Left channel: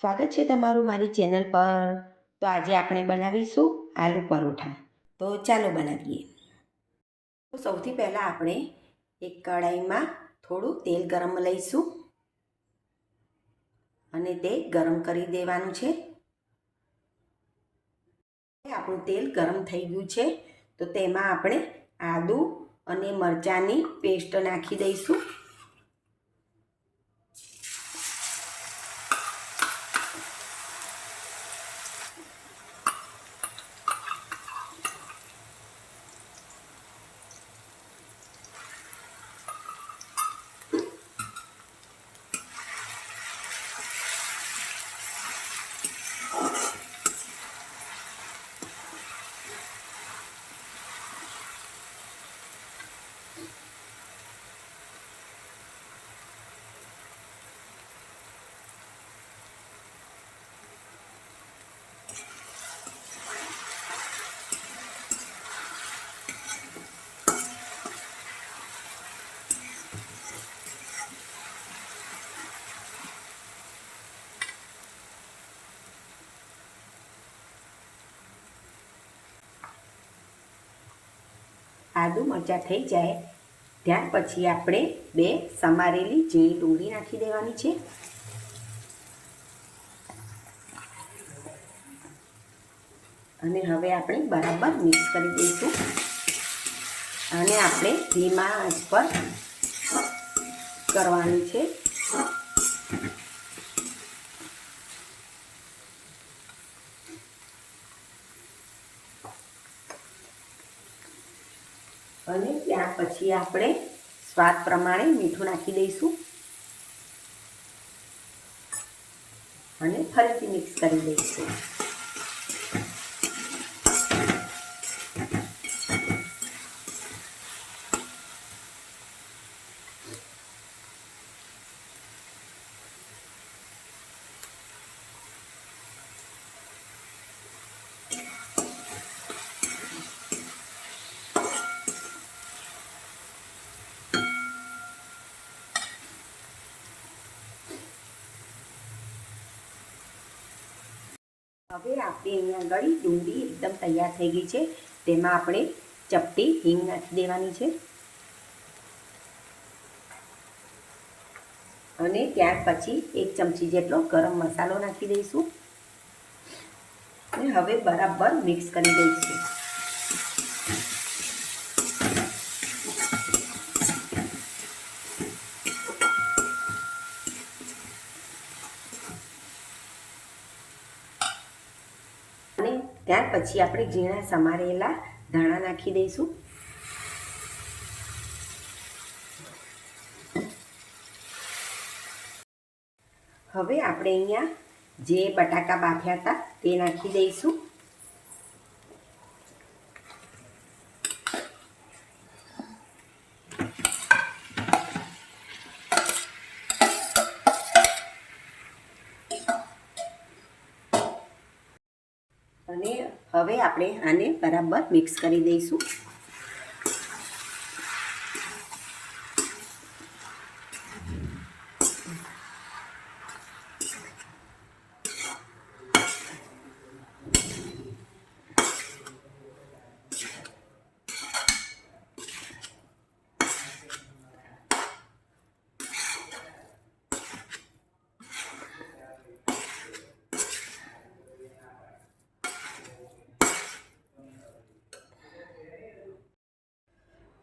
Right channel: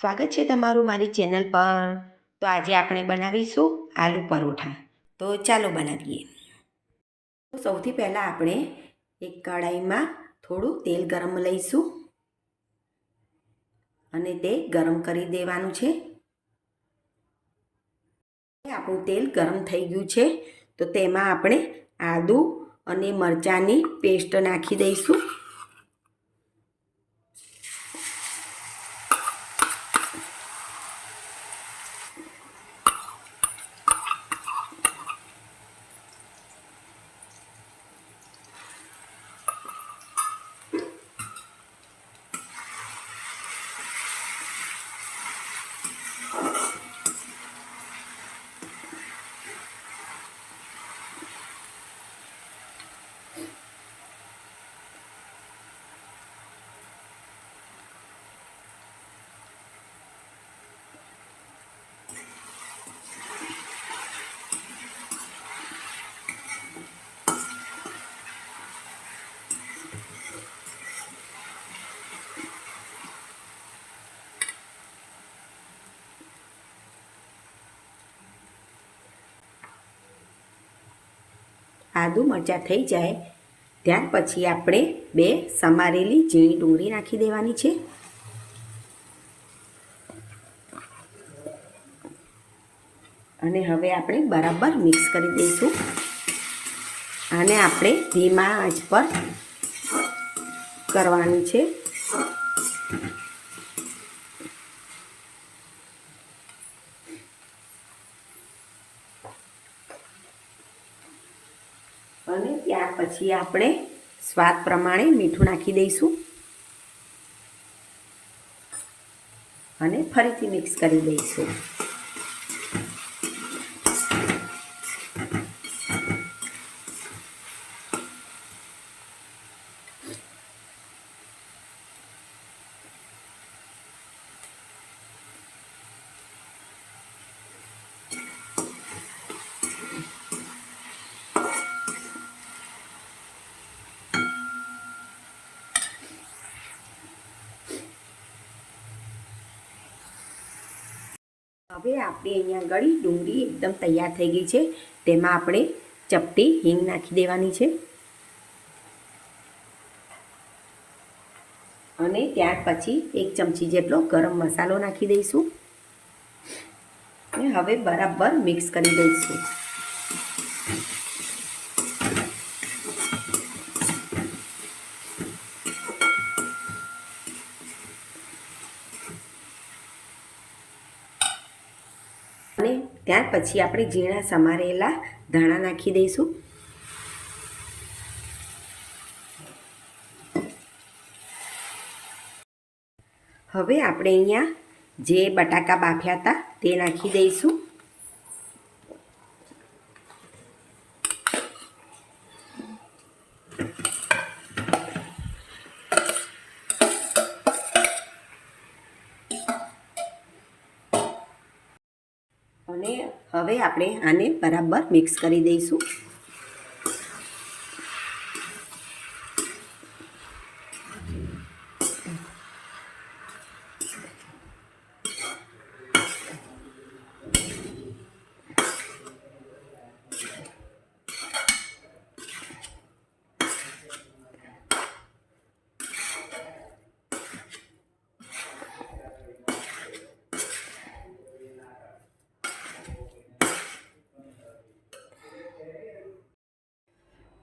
સ્વાગત છે તમારું મારી ચેનલ પર. તો આજે આપણે બનાવીશું આલુ પરોઠા. તો ચાલો બનાવીએ. તો સૌથી પહેલાં આપણે એક કઢાઈમાં થોડું તેલ ગરમ લઈશું અને તે ગરમ કરી દેવાનું છે. આપણું તેલ ગરમ થઈ ગયું છે. તો તેમાં આપણે આદું અને મરચાંની પેસ્ટ નાખી દઈશું. આદુ મરચાં થઈ જાય. ત્યાર પછી આપણે બે સમારેલી ઝીણી ડુંગળી નાખી દેવાની છે. અને હવે આપણે બરાબર મિક્સ કરી દઈશું. આને આપણે ધીમા આંચ પર કરવાની છે. અને ત્યાર પછી આપણે સ્વાદ પ્રમાણે મીઠું નાખી દઈશું. અને ફરીથી મિક્સ કરી દઈશું. હવે આપણી અહીંયા ગળી ડુંગળી એકદમ તૈયાર થઈ ગઈ છે. તેમાં આપણે ચપટી હિંગ નાખી દેવાની છે. અને ત્યાર પછી એક ચમચી જેટલો ગરમ મસાલો નાખી દઈશું. અને હવે બરાબર મિક્સ કરી દઈશું અને ત્યાર પછી આપણે ઝીણા સમારેલા ધાણા નાખી દઈશું. હવે આપણે અહીંયા જે બટાકા બાફ્યા હતા તે નાખી દઈશું અને હવે આપણે આને બરાબર મિક્સ કરી દઈશું.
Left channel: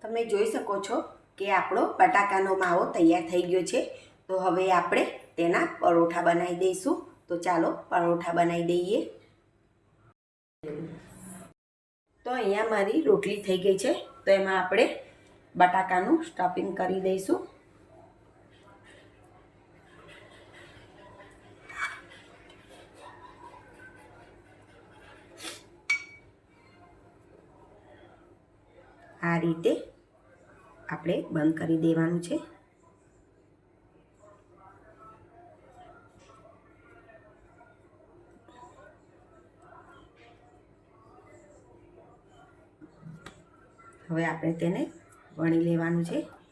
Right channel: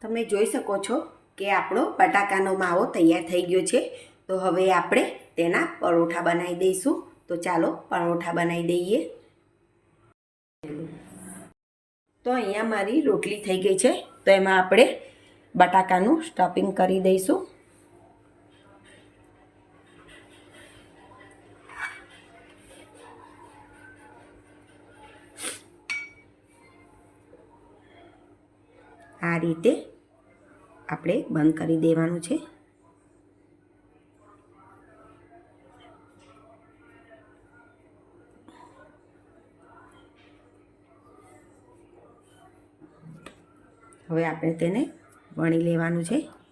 તમે જોઈ શકો છો કે આપણો બટાકાનો માવો તૈયાર થઈ ગયો છે. તો હવે આપણે તેના પરોઠા બનાવી દઈશું. તો ચાલો પરોઠા બનાવી દઈએ. તો અહીંયા મારી રોટલી થઈ ગઈ છે. તો એમાં આપણે બટાકાનું સ્ટફિંગ કરી દઈશું. આ રીતે આપણે બંધ કરી દેવાનું છે. હવે આપણે તેને વણી લેવાનું છે.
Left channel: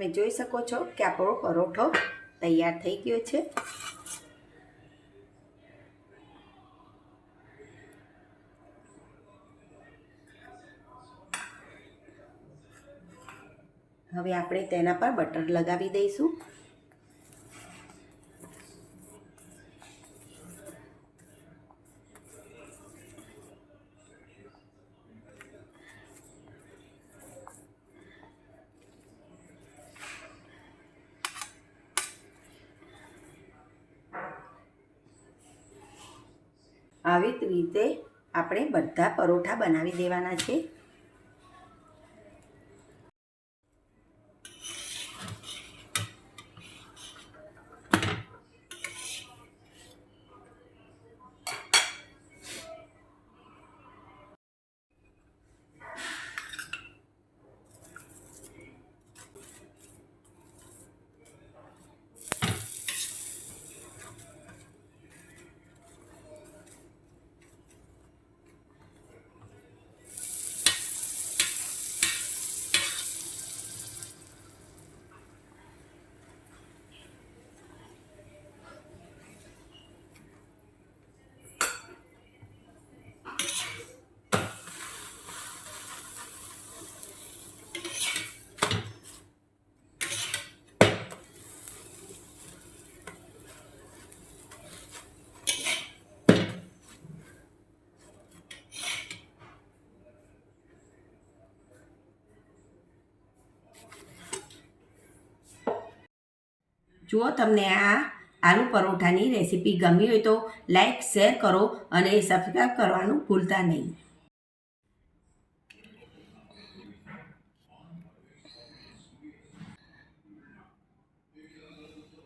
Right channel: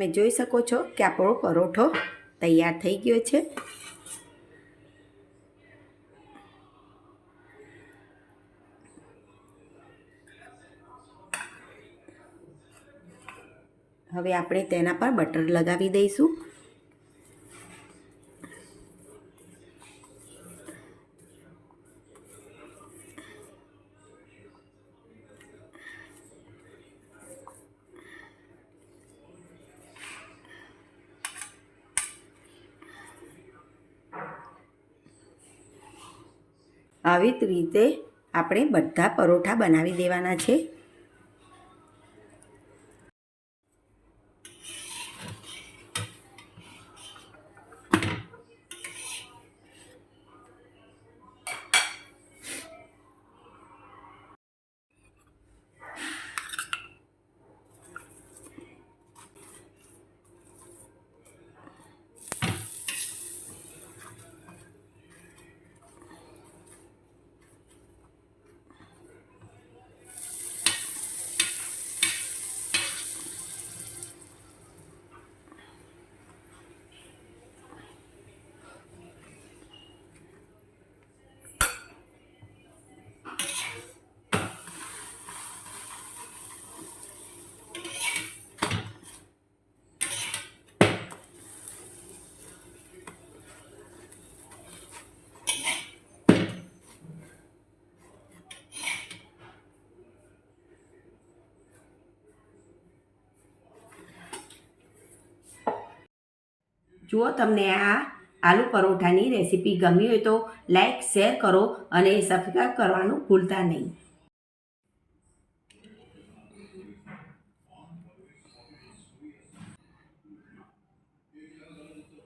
તમે જોઈ શકો છો કે આપણો પરોઠો તૈયાર થઈ ગયો છે. હવે આપણે તેના પર બટર લગાવી દઈશું. આવી રીતે આપણે બધા પરોઠા બનાવી દેવાના છે. જુઓ તમને આ આલુ પરોઠાની રેસીપી ગમી હોય તો લાઈક શેર કરો અને સબસ્ક્રાઈબ કરવાનું ભૂલતા નહીં.